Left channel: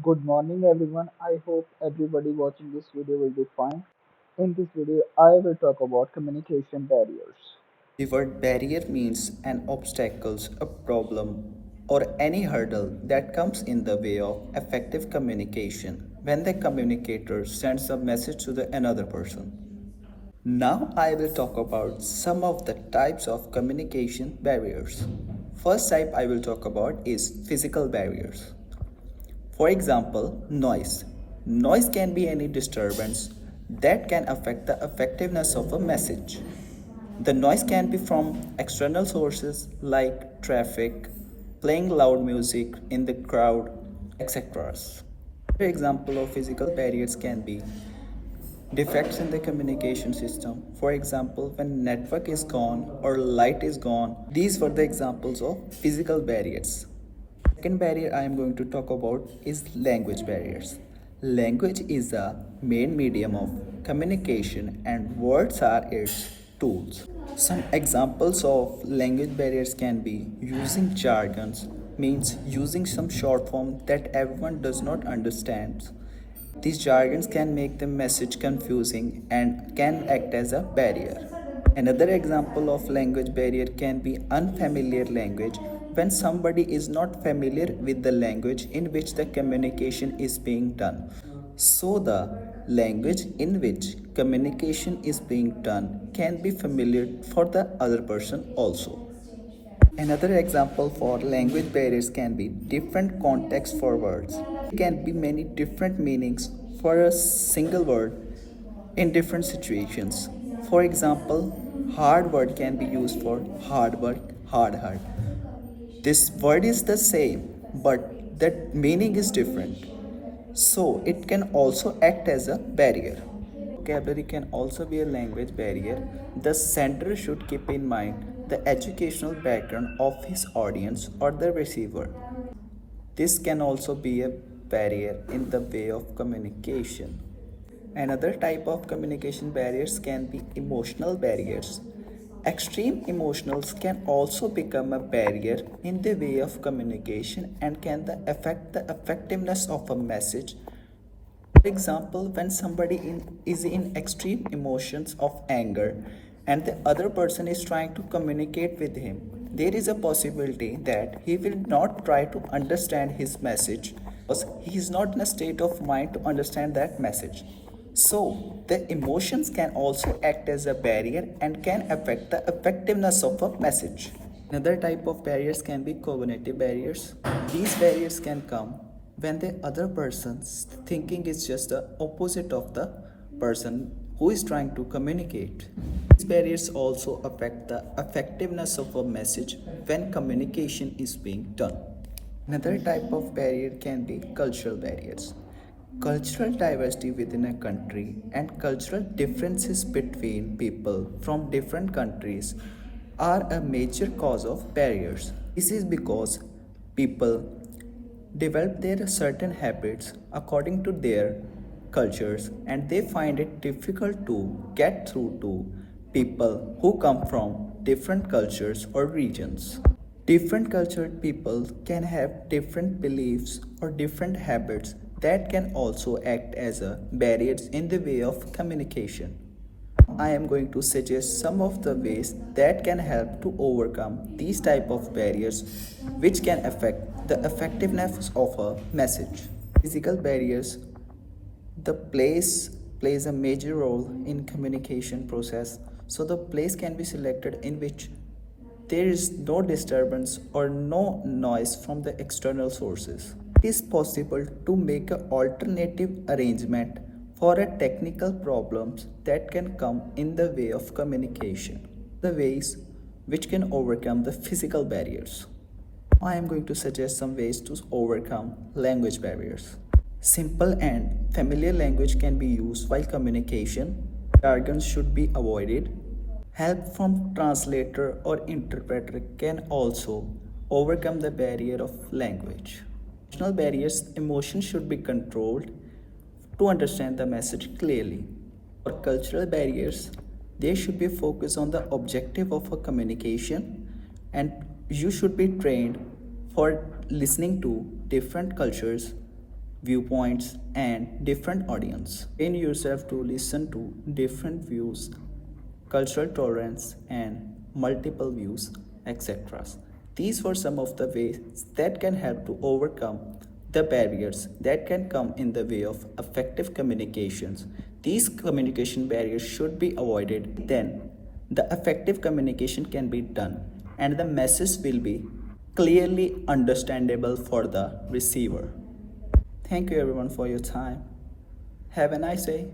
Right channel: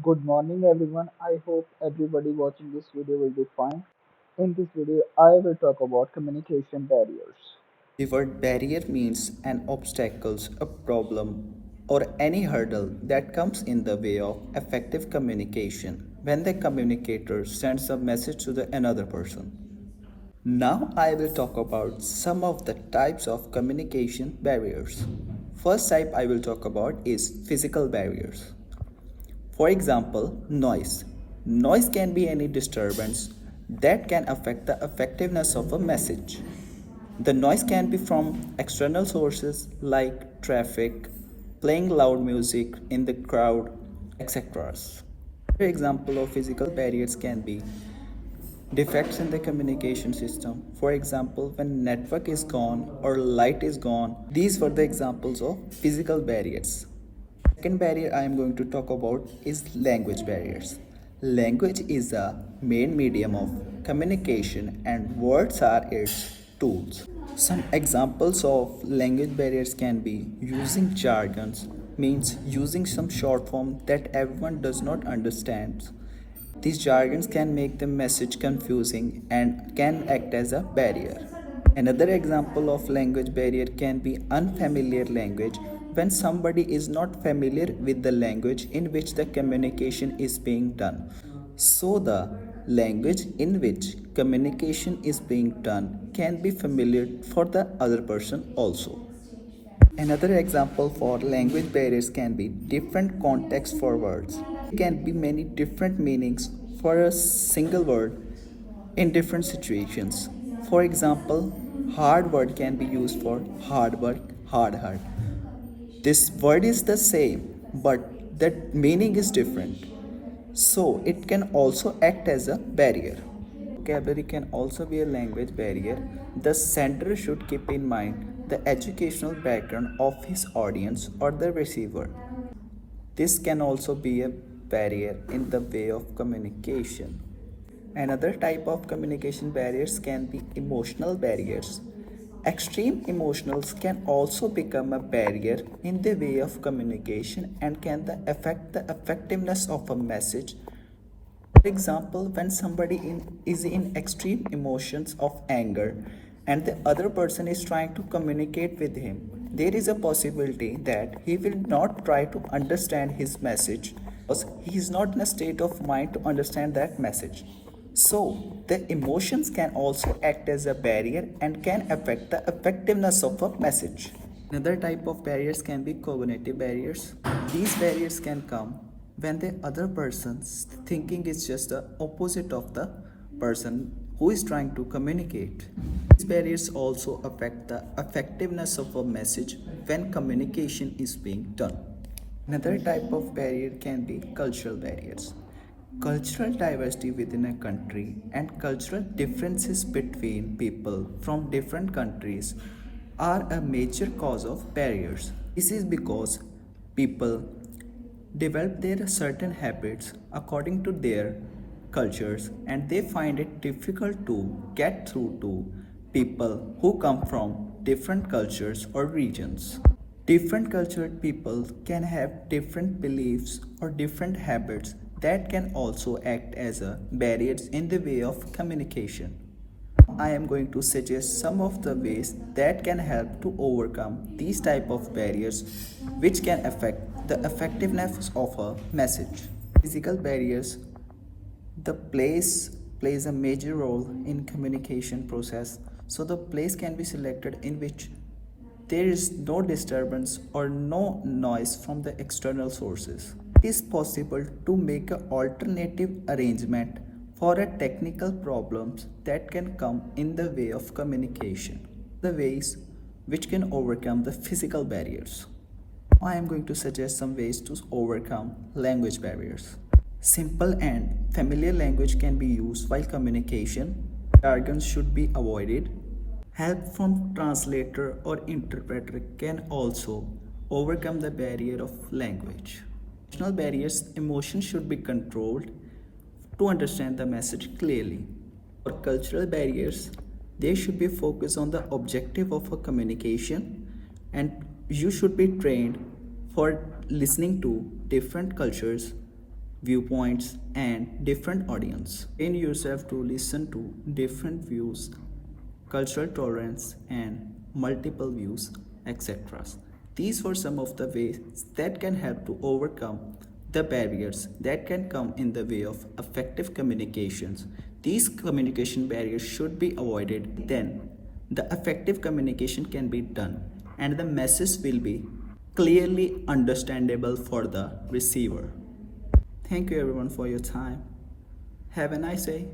Good morning everyone. I hope everybody watching this video will be fine. In this video, I will talk about communication barriers. The word barrier means an obstacle, a problem, or any hurdle that comes in the way of effective communication when the communicator sends a message to the another person. Now I will talk about some of the types of communication barriers. First type I will talk about is physical barriers. For example, noise. Noise can be any disturbance that can affect the effectiveness of a message. The noise can be from external sources like traffic, playing loud music in the crowd, etc. Another example of physical barriers can be defects in the communication system. For example, when network is gone or light is gone. These were the examples of physical barriers. Second barrier I am going to talk about is language barriers. Language is the main medium of communication and words are its tools. Some examples of language barriers can be using jargons, means using some short form that everyone does not understand. These jargons can make the message confusing and can act as a barrier. Another example of language barrier can be unfamiliar language when somebody is not familiar with the language in which the communication is being done. So, the language in which communication is being done can be familiar for the other person also. Another example for language barriers can be different context for words. There can be many different meanings for a single word in different situations. For example, hard word can be used for hard work, hard heart. This word is the same, but the meaning is different. So it can also act as a barrier. Vocabulary can also be a language barrier. The sender should keep in mind the educational background of his audience or the receiver. This can also be a barrier in the way of communication. Another type of communication barriers can be emotional barriers. Extreme emotions can also become a barrier in the way of communication and can affect the effectiveness of a message. For example, when is in extreme emotions of anger and the other person is trying to communicate with him, there is a possibility that he will not try to understand his message because he is not in a state of mind to understand that message. So, the emotions can also act as a barrier and can affect the effectiveness of a message. Another type of barriers can be cognitive barriers. These barriers can come when the other person's thinking is just the opposite of the person who is trying to communicate. These barriers also affect the effectiveness of a message when communication is being done. Another type of barrier can be cultural barriers. Cultural diversity within a country and cultural differences between people from different countries are a major cause of barriers. This is because people develop their certain habits according to their cultures and they find it difficult to get through to people who come from different cultures or regions. Different cultured people can have different beliefs or different habits that can also act as a barriers in the way of communication. I am going to suggest some of the ways that can help to overcome these type of barriers which can affect the effectiveness of a message. Physical barriers. The place plays a major role in communication process. So the place can be selected in which there is no disturbance or no noise from the external sources. It is possible to make an alternative arrangement for a technical problems that can come in the way of communication. The ways which can overcome the physical barriers. I am going to suggest some ways to overcome language barriers. Simple and familiar language can be used while communication. Jargons should be avoided. Help from translator or interpreter can also overcome the barrier of language. Emotional barriers, emotions should be controlled to understand the message clearly. For cultural barriers, they should be focused on the objective of a communication and you should be trained for listening to different cultures viewpoints, and different audience. Train yourself to listen to different views, cultural tolerance, and multiple views, etc. These were some of the ways that can help to overcome the barriers that can come in the way of effective communications. These communication barriers should be avoided. Then, the effective communication can be done, and the message will be clearly understandable for the receiver. Thank you everyone for your time. Have a nice day.